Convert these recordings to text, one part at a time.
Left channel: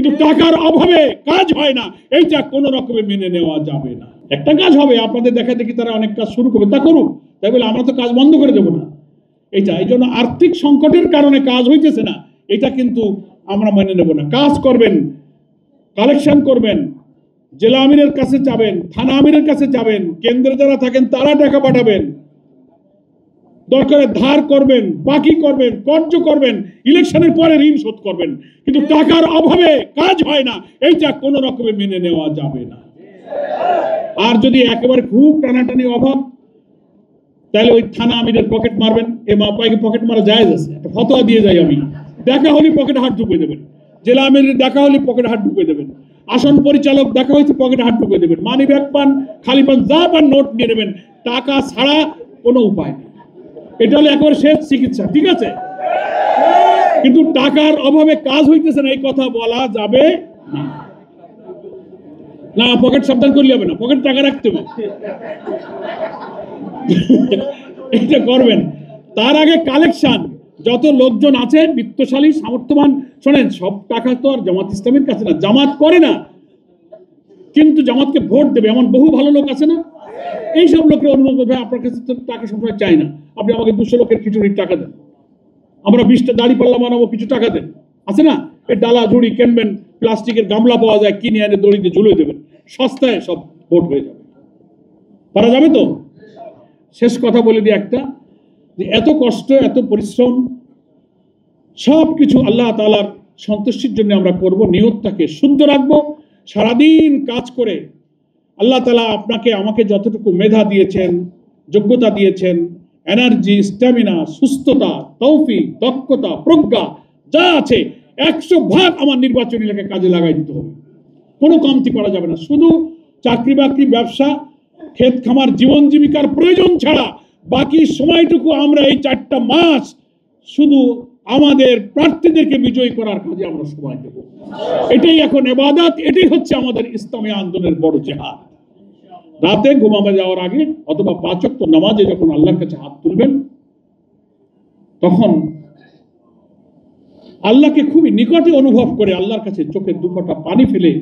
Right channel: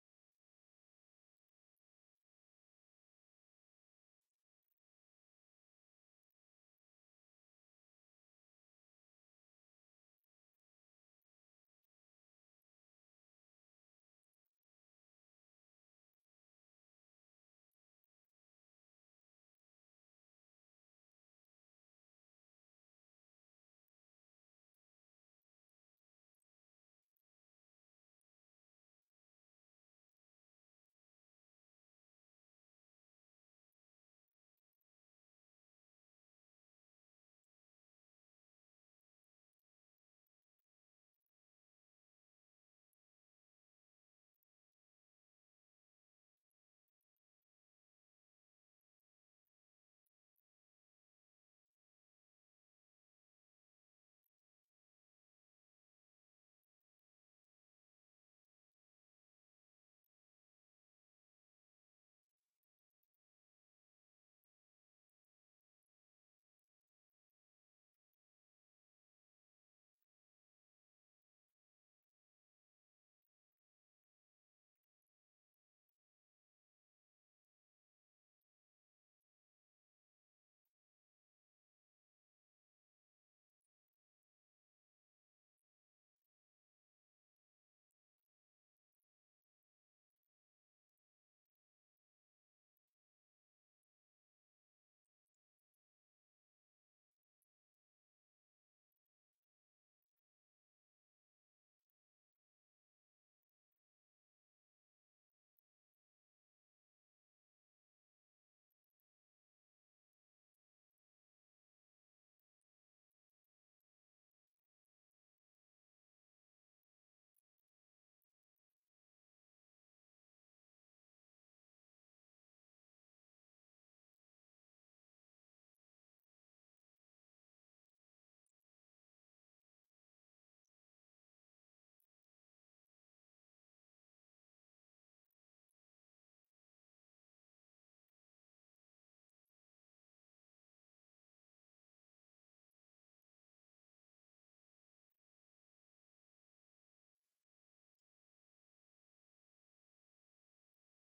কিন্তু টাকার অভাবে কাজ হয় না, এইটা কোনো রকমে মেনে নেওয়া যাবে না। একটা কাজ হবে, আপনাদের দেখা দেখি তারা অনেক কাজ শুরু করবে, তা করুক, তাই বলে আমরা তো কাজ বন্ধ করে দেবো না। এইটা এই জন্য আর্থিক সংকটের কারণে কাজ হইতেছে না, এটা কিন্তু আমরা মেনে নেব না। কাজ করবেন, কালেকশন করবেন, জেলা আমিরের কাছে যাবেন, থানা আমিরের কাছে যাবেন, কেন্দ্রে যারা থাকেন তারা টাকা পাঠাবেন, দরকারে ধার করবেন, বাকি করবেন, কর্জ করবেন, ইলেকশনের পরে ঋণ শোধ করবেন, কিন্তু টাকার অভাবে কাজ হয় না, এইটা কোনো রকমে মেনে নেওয়া যাবে না। আর যদি একেবারে খুব টানাটানি অভাব, তাহলে ওই থানা আমিরের পকেট মারবেন। এ মাপাইকে পকেট মারা জায়েজ আছে, একটা ফতোয়া দিয়ে যাই আমি। দেখা হলে পকেটে হাত ঢুকিয়ে দেবেন, জেলা আমিরের দেখা হলে পকেটে হাত ঢুকিয়ে দেবেন, আসন পরিচালক দেখা হয়েছে পকেটে হাত ঢুকিয়ে দেবেন, মানি ব্যাগ পান, খালি পান, যা পান নোট নিয়ে নেবেন, টাকা ছাড়া কোনো উপায় নেই। এটা হলো একেবারে শেষ চিকিৎসা, ঠিক আছে? কিন্তু টাকার অভাবে কাজ হইতেছে না, এই কথা বলা যাবে না। না, পকেট সাবধান করলে হবে না, পকেট টাকা রাখতে হবে, এটা করবেন। তার আগে কালেকশন, যত লোকজন আছে বিত্তশালী সামর্থ্যবান, শোনেন, সব টাকা তো আর জামাত ইসলামের কাছে না, জামাত করে না কিন্তু জামাতকে ভোট দেবে এমন বহু ভালো লোক আছে না? এইসব লোকের অনুরোধ করবে, আপনার কাছে তো টাকা সবসময় চাই না, আপনি আমাকে 200 লোকের খিচুড়ির টাকা দেন, আমরা 20টা দাড়ি পাল্লা বানাবো, কিছু টাকা দেন, আছে না? এই ডালা ঝুড়ি কিনবেন, প্লাস্টিকের গামলা পাওয়া যায়, কিনে এনে দড়িতে ঝুলিয়ে দেবেন, সস্তায় সব ভোট হয়ে যাবে। পারা যাবে তো? শেষ কথা বলে দিই একটা, যে এত কষ্ট, এত পরিশ্রম, সব কিছু আল্লাহ তাআলার সন্তুষ্টির জন্য আমরা করব, নিয়তটাকে শুদ্ধ রাখবো। সারাদিন কাজ করে আল্লাহ তাআলা আপনাকে আমাকে যতটুকু মেধা দিয়েছেন, যোগ্যতা দিয়েছেন, এনার্জি, স্ট্যামিনা, সুস্থতা, তৌফিক, দক্ষতা, প্রজ্ঞা যা আছে 100% আমার নির্বাচনী এলাকায় কাজে লাগাই দিতে হবে, কোনো কমতি করা যাবে না। শুধু চাকরি বাকরি, ব্যবসা, ক্ষেত খামার, জীবন জীবিকার প্রয়োজন ছাড়া বাকি সময়টুকু আমরা এই 4টা মাস শুধু আমাদের প্রার্থীদেরকে বিজয়ী করার কাজে আমরা সময় দেব। এটাই এখন ইবাদত, এটাই হচ্ছে আমাদের ইসলামী আন্দোলনের বড় জিহাদ। রাতে ঘুমাবে যাওয়ার আগে অথবা 5 ওয়াক্ত নামাজে যখন আল্লাহর কাছে হাত তুলবেন, তখন আল্লাহকে খুবই নিকটে অনুভব করে আল্লাহর কাছে চোখের 2 ফোঁটা পানি ফেলে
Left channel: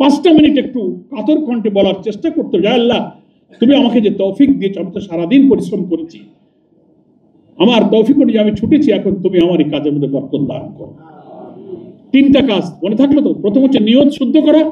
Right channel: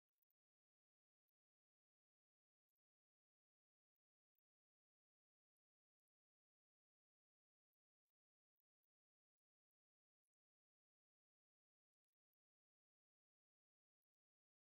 5টা মিনিট একটু কাতর কণ্ঠে বলার চেষ্টা করতে হবে, আল্লাহ তুমি আমাকে যে তৌফিক দিয়েছো, আমি তো সারাদিন পরিশ্রম করেছি, আমার তৌফিক অনুযায়ী আমি ছুটেছি, এখন তুমি আমার এই কাজের মধ্যে বরকত দান করো। 3টা কাজ মনে থাকলো তো? প্রথম হচ্ছে নিয়ত শুদ্ধ করা,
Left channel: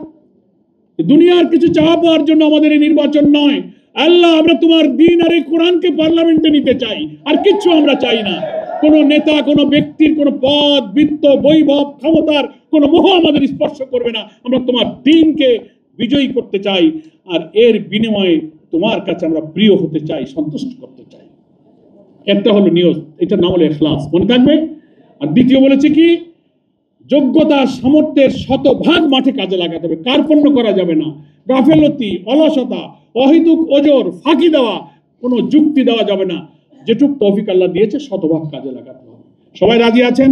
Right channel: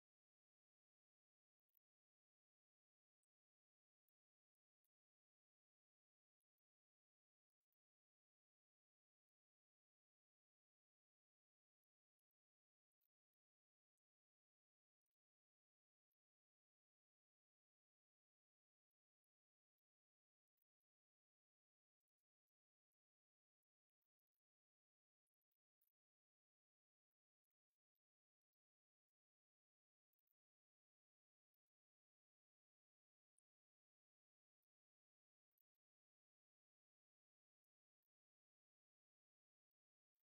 দুনিয়ার কিছু চাওয়া পাওয়ার জন্য আমাদের এই নির্বাচন নয়। আল্লাহ, আমরা তোমার দ্বীন আর এই কোরআনকে পার্লামেন্টে নিতে চাই, আর কিচ্ছু আমরা চাই না। কোন নেতা, কোন ব্যক্তির কোন পদ, বৃত্ত, বৈভব, ক্ষমতার কোন মোহ আমাদের স্পর্শ করবে না। আমরা তোমার দ্বীনকে বিজয়ী করতে চাই, আর এর বিনিময়ে তোমার কাছে আমরা প্রিয় হতে চাই, সন্তুষ্ট করতে চাই। একটা হলো নিয়ত, এটার নাম হলো ইখলাস, মনে থাকবে। আর দ্বিতীয় বলেছে কি, যোগ্যতা সামর্থ্যের 100% মাঠে কাজে লাগাতে হবে, কার্পণ্য করা যাবে না, গাফেলতি, অলসতা, অহেতুক ওজর, ফাঁকি দেওয়া, কোনো যুক্তি দেওয়া যাবে না। যেটুক তৌফিক আল্লাহ দিয়েছে 100% কাজে লাগাতে হবে। সবাই রাজি আছেন?